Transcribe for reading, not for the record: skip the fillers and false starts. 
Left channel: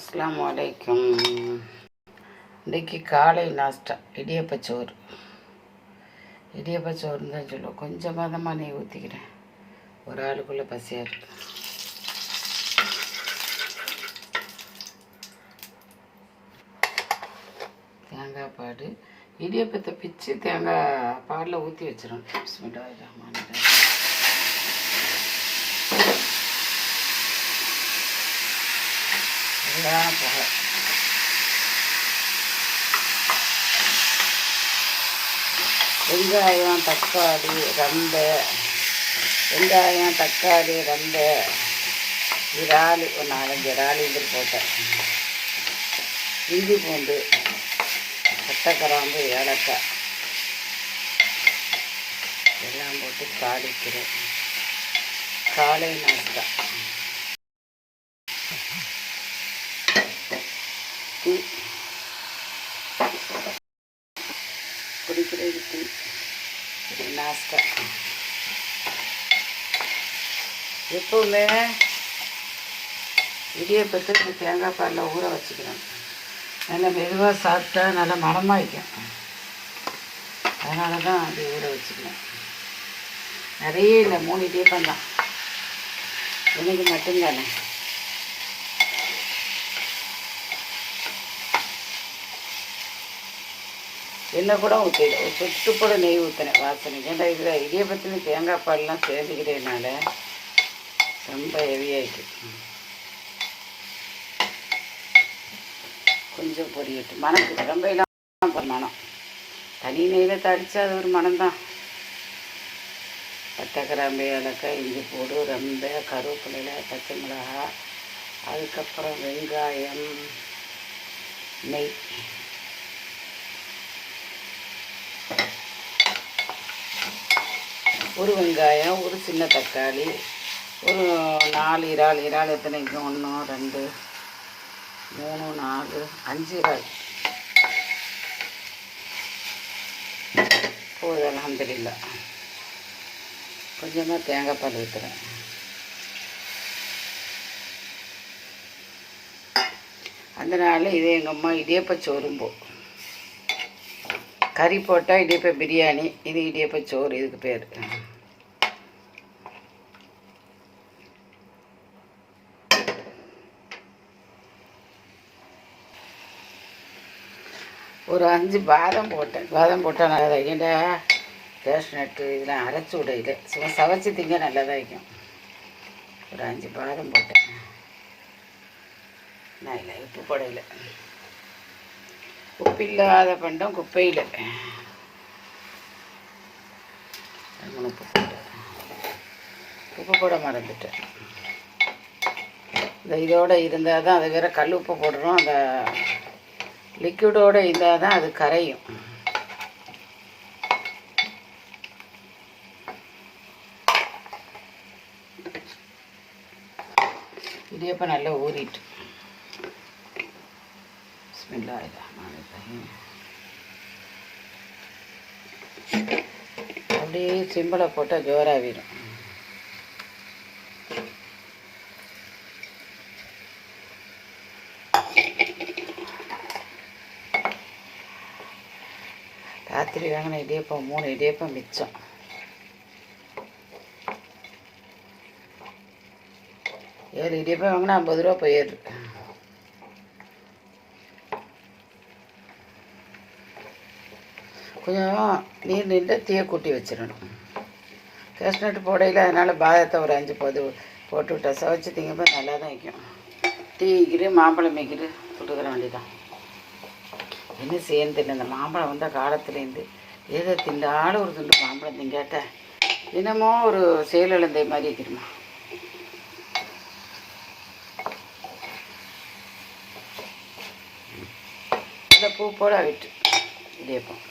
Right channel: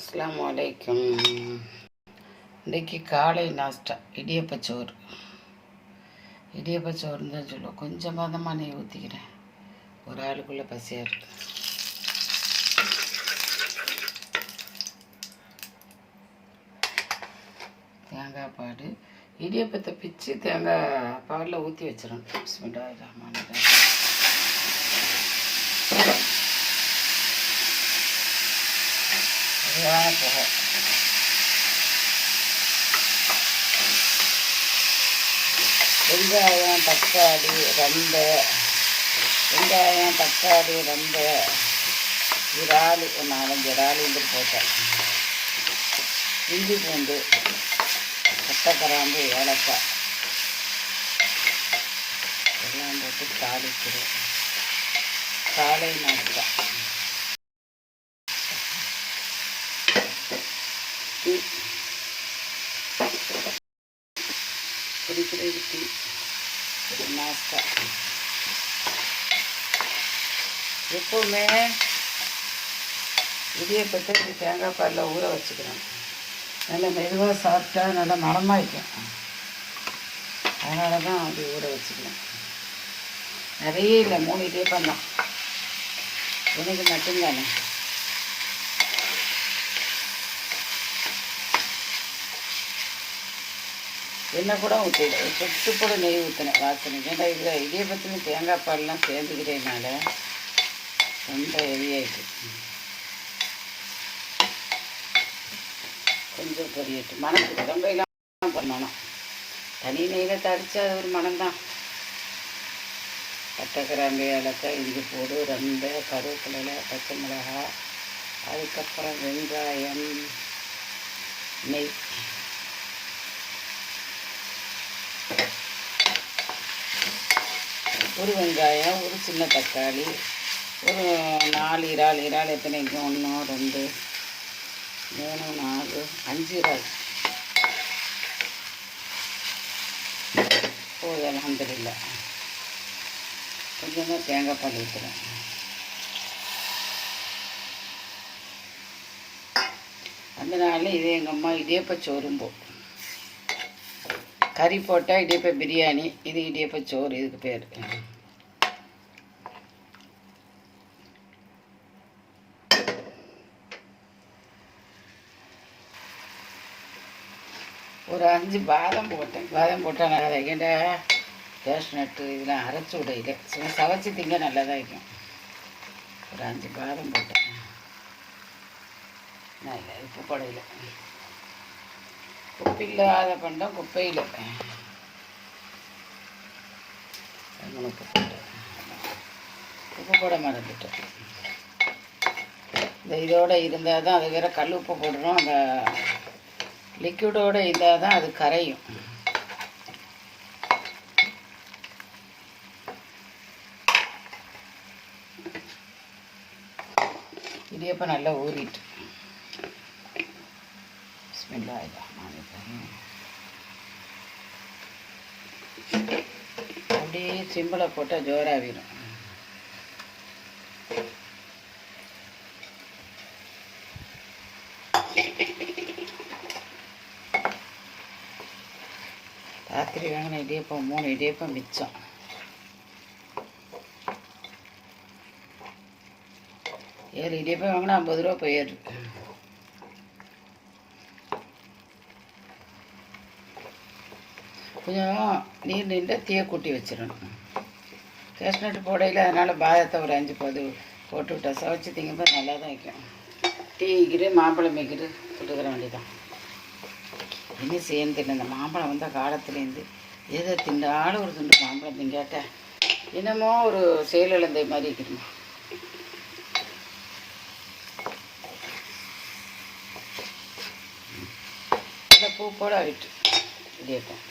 அஸ்ஸலாமு அலைக்கும். இன்றைக்கி காலை நாஸ்டா இடியப்பச்சோறு. இடியப்பச்சோறுன்னு தான் சொல்லுவோம். கொஞ்சமாக தான் நெய் ஊற்றிக்கிறேன், ஒரு ஆளுக்குள்ளே பசியாக இருக்கு. தேங்காய் பால், இடியப்பத்தை பிச்சு தேங்காய் பாலில் ஊற்றி வச்சிடணும். பிஸ்மில்லாஹிர் ரஹ்மானிர் ரஹீம். அதுதான் புகை. வெங்காயம் தக்காளி ரெண்டு இறால், ஒரு 4-5 இறால் இது போட்டேன். இஞ்சி பூண்டு, பட்டை கிராம்பு, ஏலக்காய் எல்லாம் போட்டு தாளிக்கிறேன். காலை நாஸ்டா. டீ குடிக்கிறது, டீ நாஸ்டா. எப்போவுமே இடியப்பத்தை தேங்காய் பாலில் ஊற வச்சுக்கிறோம். நல்லா மெதுவாக சாப்பிட்டா நல்லா மணமாயிக்கும். அதனால தான் அப்படி ஊற வச்சுக்கணும். நிறைய இல்லை, 3 இடியப்பம் தான் எனக்கு மட்டும்தானே. எண்ணெய் கூட ஊற்றிடு, சொட்டு கூட நெய் ஊற்றினேன் வாசனைக்கு. ஏன்னா இதில் இடியப்பத்தில் தேங்காய் பால்லாம் சேர்ந்துக்கிறதுனால ரொம்ப ஹெவியாகிட்டு. கொஞ்சம் பொரியட்டு, மணக்கு ரொம்பலாம் மனம். தனி நெய்யில் தடித்தா அது ஒரு மனம்தான். பட்டை கிராம்பு, ஏலக்காய், இஞ்சி பூண்டு, ரொம்ப கருவேப்பிலை, பச்சை மிளகாய், அதுக்கப்புறம் வெங்காயம், நெய். ஒரு வெங்காயம், ஒரு சின்ன தக்காளி, ஒரு 4 இறால் எத்தனைக்கு? 1 2 3 4 5 இறால் போதும். அல்ஹம்துலில்லாஹ். கொஞ்சமாக தேங்காய் பால் ஊற்றுறேன். அதனால இது எங்கள் அம்மா இடியப்பச்சோறும்போ. கறி போட்டால் இடியப்ப பிரியாணி, இது இடியப்பச்சோறு இதுக்கு பேர். ஒரு 5 பாதம் போட்டேன். பாதம் போட்டால் நல்லா தான். ஏன்டா கேஷ்நட்டு இதெல்லாம் அரைச்சி விடையில சும்மா சவைச்சி திங்க நல்லா தான் இருக்கும். ஒரு 5 பாதம் போட்டேன். நான் இல்லை, உப்பு போடையில். உப்பு இல்லாத பண்டம் குப்பையில் 3 உப்பு போட்டேன். உப்பு போட மறந்துட்டேன். இந்த இதோடு இருந்தால் தான், அது வேறு கல் உப்பு போடுறோம். அந்த லிக்விடோடு இருந்தால் தான் அது கரையும். இடியப்பம் நல்லா ஊறிட்டு. பிஸ்மில்லாஹிர் ரஹ்மானிர் ரஹீம். அப்படியே சிம்பிளை போட்டால் ஜோராகிடும். ராத்திரி வாங்கின இடியப்பம் 3 இடியப்பம் மிச்சம். ஏழு இடியப்பம் வாங்கினா 50 ரூபா போயிடுது. கொஞ்சம் நீர் நின்று தீயை கூட்டி வச்சிடணும். கேஷ்நட்டு போடையில், அதனால் பாதத்தை ஒரு 5 போட்டு விட்டா சவைச்சி திங்கும்போது நல்லா தான் வைக்கும். டீக்கிறு மாம்பழம் மேய்க்கிறு சுட்டுக்கிற வேண்டியதான். என்ன சேர்ந்து இந்த மாம்பழம் வந்தால் காலத்துலேருந்து ஏதோ திண்டாலும் ஒரு துண்டு மாம்பழம் திங்காட்ட என்னமோ ஒரு செயலிழந்தை மாதிரி வைக்கிறோமா. இந்த பூ போட விட்டு இடியப்பம்.